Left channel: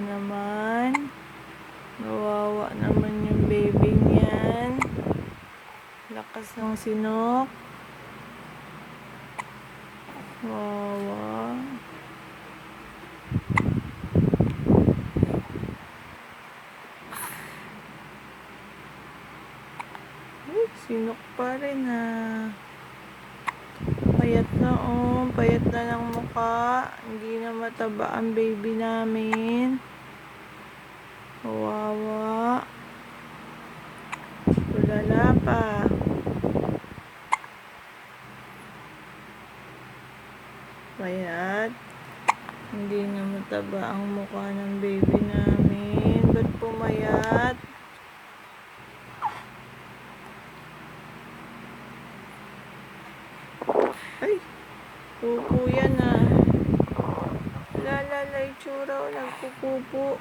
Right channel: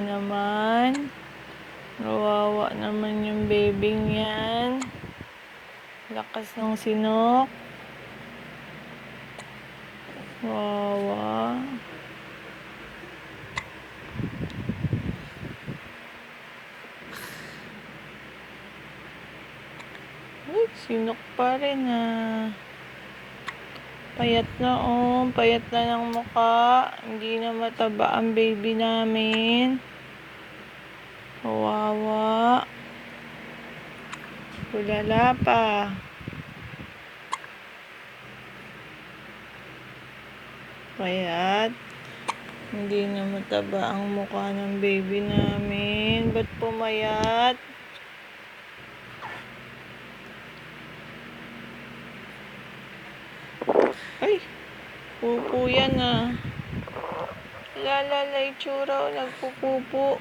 naman. Kawawa naman yung baby niyan. Lakas ng sinok. Kawawa. Uy, sinok pa rin Payat na payat na ng mukha. Hindi na mataba ang baby namin. Kawawa. Tulala pa. Payat. Hindi na mataba ang mukha ng baby namin. Ba't pumayat? Ay! Pupo yan Lalala itsura nagpupupo.